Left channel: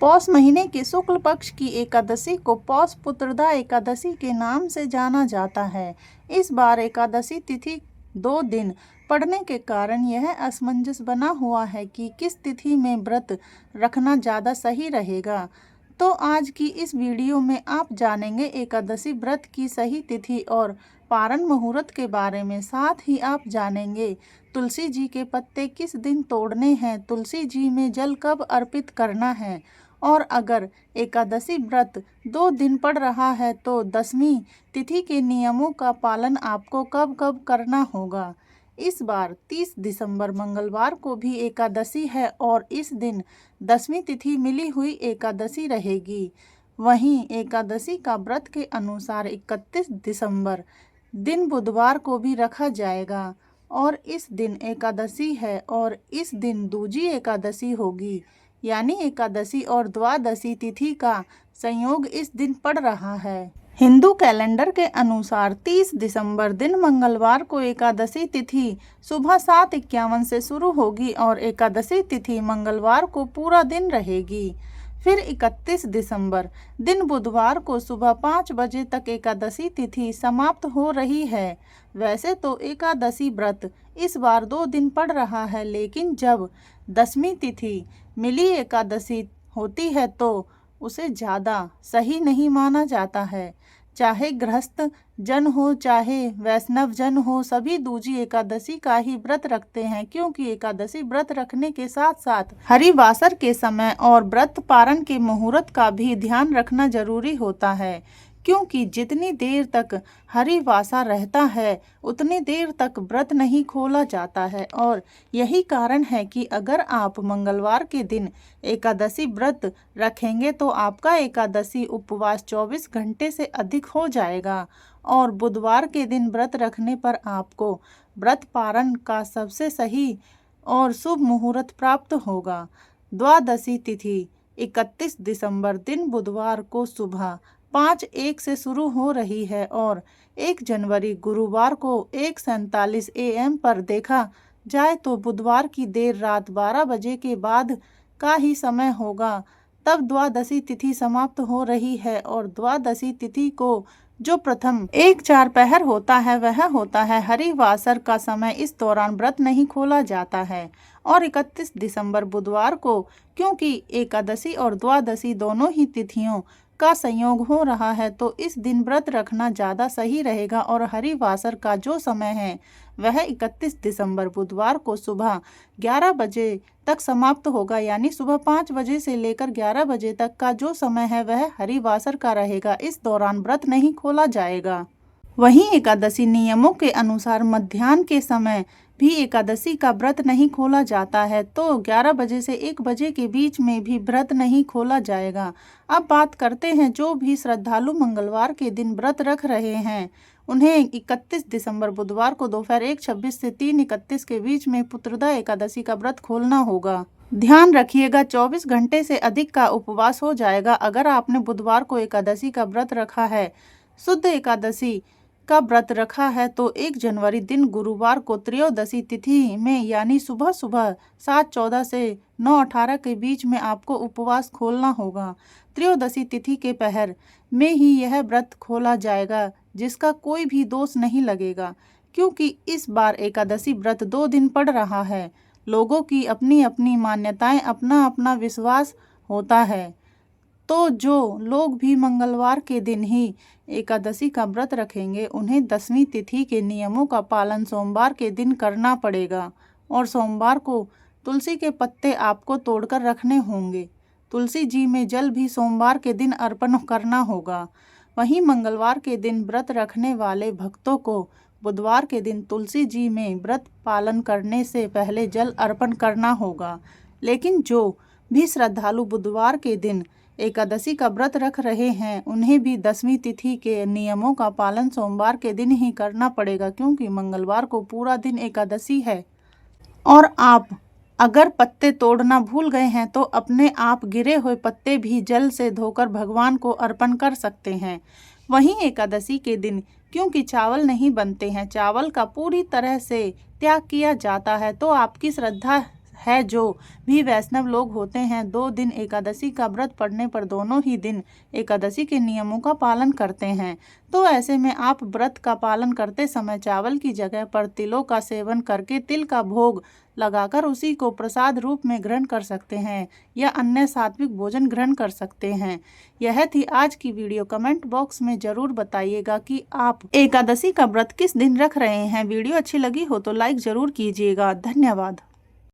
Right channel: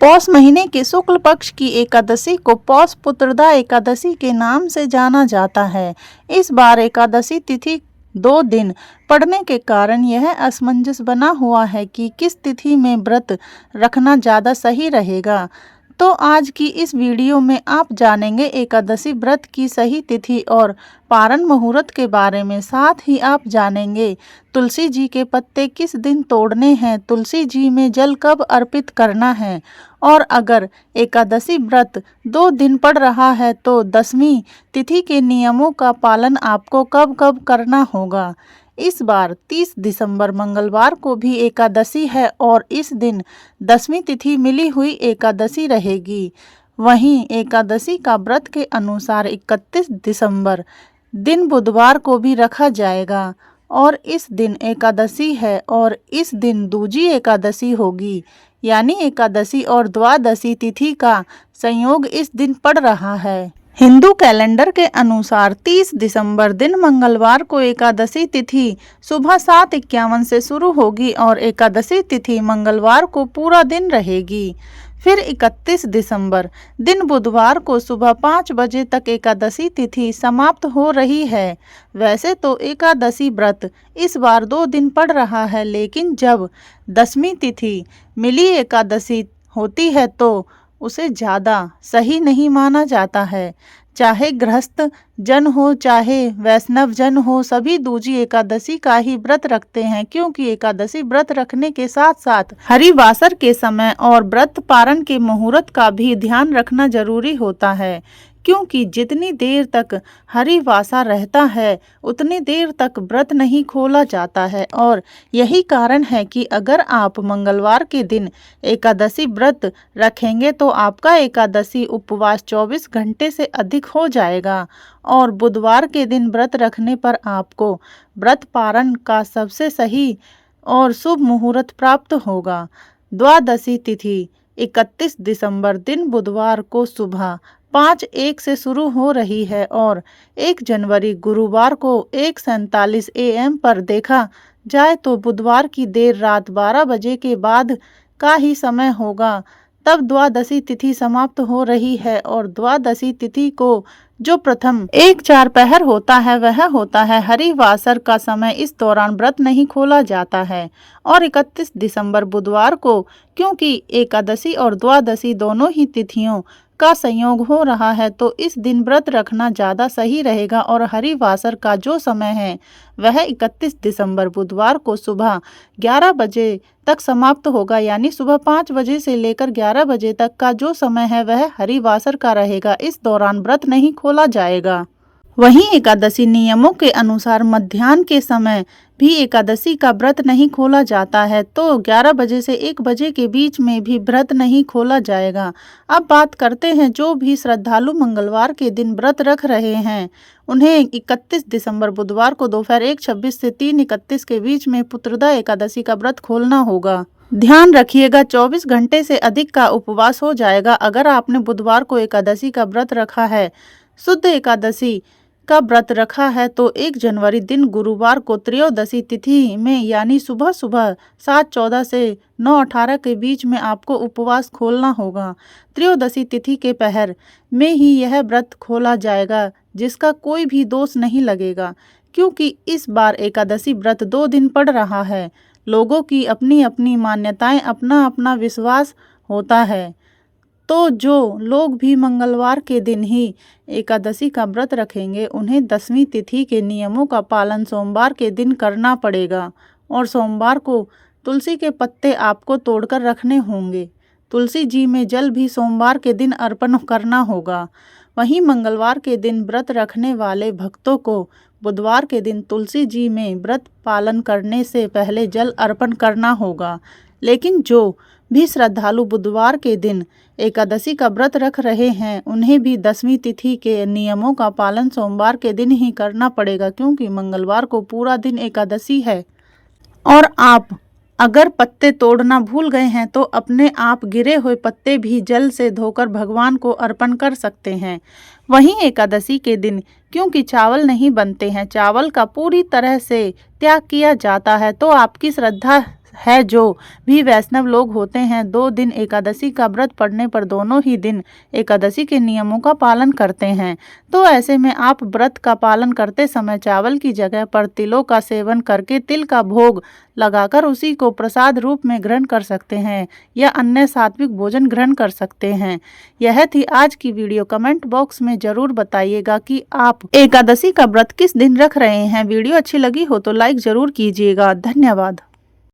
पौष महीने के शुक्ल पक्ष की एकादशी को पौष पुत्रदा एकादशी के नाम से जाना जाता है। इस बार एकादशी तिथि 2 दिन पड़ने के कारण यह असमंजस बना हुआ है कि किस तिथि में व्रत रखना ज़्यादा सही रहेगा। तो आज की इस वीडियो में आप जानेंगे एकादशी व्रत की सही तिथि और पारण मुहूर्त के बारे में। साथ ही आप जानेंगे तुलसी जी के पत्ते किस दिन तोड़ने हैं, तुलसी जी में जल कब अर्पित करना है, और अगर एकादशी व्रत 2 दिन पड़ रहा है तो 10वीं तिथि के नियमों का पालन आपको कब कब करना होगा। इस बार 30 दिसंबर मंगलवार को भी एकादशी है और इस दिन 10वीं तिथि मिली हुई एकादशी रहेगी। वहीं एकादशी का व्रत के अनुसार 31 दिसंबर दिन बुधवार को भी रखा जाएगा और इस दिन एकादशी है और इस दिन दूजी एकादशी होगी, यानी एकादशी और द्वादशी तिथि का संयोग इस दिन पड़ रहा है। हिंदू कैलेंडर के अनुसार 30 दिसंबर दिन मंगलवार को एकादशी तिथि सुबह 7:51 से शुरू होगी और एकादशी तिथि मंगलवार को पूरा दिन रहेगी। फिर 31 दिसंबर दिन बुधवार को सुबह 5 बजे तक एकादशी तिथि समाप्त हो रही है। वैसे तो एकादशी व्रत इस बार 2 दिन पड़ रहा है, लेकिन जब 10वीं तिथि मिली एकादशी होती है तो उसे ज़्यादा सही नहीं माना जाता है। चाहे गृहस्थ जन हो चाहे वैष्णव जन हो, सभी दूजी एकादशी का ही व्रत रखते हैं, क्योंकि एकादशी व्रत रखने के साथ साथ हरिवासर के समय और व्रत पारण के मुहूर्त का भी ध्यान रखना जरूरी होता है, क्योंकि जितनी देर तक हरिवासा रहता है उतनी देर तक व्रत नहीं खोला जाता है। और यही कारण है कि अगर आप मंगलवार के दिन एकादशी व्रत रखेंगे तो आपका एकादशी उपवास 24 घंटे से अधिक हो जाएगा और बुधवार के दिन व्रत रखने पर आपको व्रत पारण का सबसे सही और शुभ मुहूर्त प्राप्त होगा। द्वादशी तिथि 31 दिसंबर दिन बुधवार को सुबह 5:01 से शुरू हो रही है और 1 जनवरी गुरुवार को 1:47 AM पर देखा जाए तो बुधवार की देर रात 12 बजे के बाद का ही समय होगा, तब द्वादशी तिथि समाप्त हो रही है। और द्वादशी तिथि को जो प्रथम 1-4 पहर होता है वह होता है हरिवासर का समय। इस दौरान व्रत नहीं खोला जाता है। और 31 दिसंबर बुधवार को क्योंकि एकादशी और द्वादशी दोनों ही तिथियों का संयोग हो रहा है तो इस दिन व्रत रखना ज़्यादा सही रहेगा। और हरिवासर का जो समय है वह 31 दिसंबर बुधवार को सुबह 11 बजे तक समाप्त होगा, यानी सुबह 5 बजे से लेकर 11 बजे तक का जो समय है वह हरिवासर का रहेगा। इस दौरान व्रत नहीं खोला जाएगा। वहीं एकादशी नियमों के अनुसार मध्याह्न के समय भी एकादशी का व्रत नहीं खोला जाता है, तो 11 बजे से 1 बजे के बीच में भी व्रत नहीं खोला जाएगा। अब बात करते हैं जो भी श्रद्धालु मंगलवार के दिन व्रत रख रहे हैं, उन्हें 31 दिसंबर बुधवार को दोपहर 1:26 से 3:31 के बीच में पुत्रदा एकादशी का व्रत खोलना होगा। ध्यान रखिएगा 24 घंटे से अधिक का उपवास हो जाएगा अगर आपने बुधवार को एकादशी का व्रत रखा है। शुद्ध एकादशी का व्रत रखा है तो 1 जनवरी दिन गुरुवार को त्रयोदशी तिथि में, यानी सुबह सुबह 7:14 से 9:18 के बीच में आपको उपवास खोलना होगा। त्रयोदशी तिथि के पहर में ही यह व्रत खोला जाएगा, जिसका कोई भी दोष नहीं लगेगा, क्योंकि इस बार एकादशी व्रत 2 दिन पड़ रहा है। लोगों की अपनी अपनी मान्यताएं, अपना अपना विश्वास होता है, तो जो लोग भी मंगलवार के दिन ही एकादशी का व्रत रखेंगे उन्हें 10वीं तिथि के नियमों का पालन सोमवार के दिन करना पड़ेगा। और सोमवार को तुलसी के पत्ते आपको तोड़कर रखने होंगे। तुलसी जी में जल भी सोमवार के दिन अर्पण करना होगा। वहीं मंगलवार के दिन व्रत रखने वाले भक्तों को बुधवार के दिन तुलसी जी में व्रत पालन करने से पहले जल अर्पण करना होगा। लेकिन जो भी श्रद्धालु बुधवार के दिन एकादशी का व्रत रख रहे हैं उन्हें भी 10वीं तिथि के नियमों का पालन सोमवार के दिन ही करना पड़ेगा, क्योंकि मंगलवार को पूरा दिन एकादशी है। और आप अगर पत्ते तोड़ना भूल गए हैं तो अपने आप गिरे हुए पत्ते भी जल से धोकर भगवान को अर्पण कर सकते हैं। वहीं एकादशी के दिन क्योंकि चावल नहीं बनते हैं, चावल का पूरी तरह से त्याग किया जाता है, तो आपकी श्रद्धा है जो भी वैष्णव लोग होते हैं 2 दिन एकादशी का व्रत पड़ने पर दोनों ही दिन एकादशी के नियमों का पालन करते हैं। तो ऐसे में आप व्रत का पालन करते समय चावल की जगह पर तिलों का सेवन करके तिल का भोग लगाकर उसी को प्रसाद रूप में ग्रहण कर सकते हैं या अन्य सात्विक भोजन ग्रहण कर सकते हैं। यह थी आज की वीडियो। कमेंट बॉक्स में जरूर बताइएगा कि आप एकादशी का व्रत किस दिन रख रहे हैं। वीडियो अच्छी लगी हो तो लाइक जरूर कीजिएगा। धन्यवाद।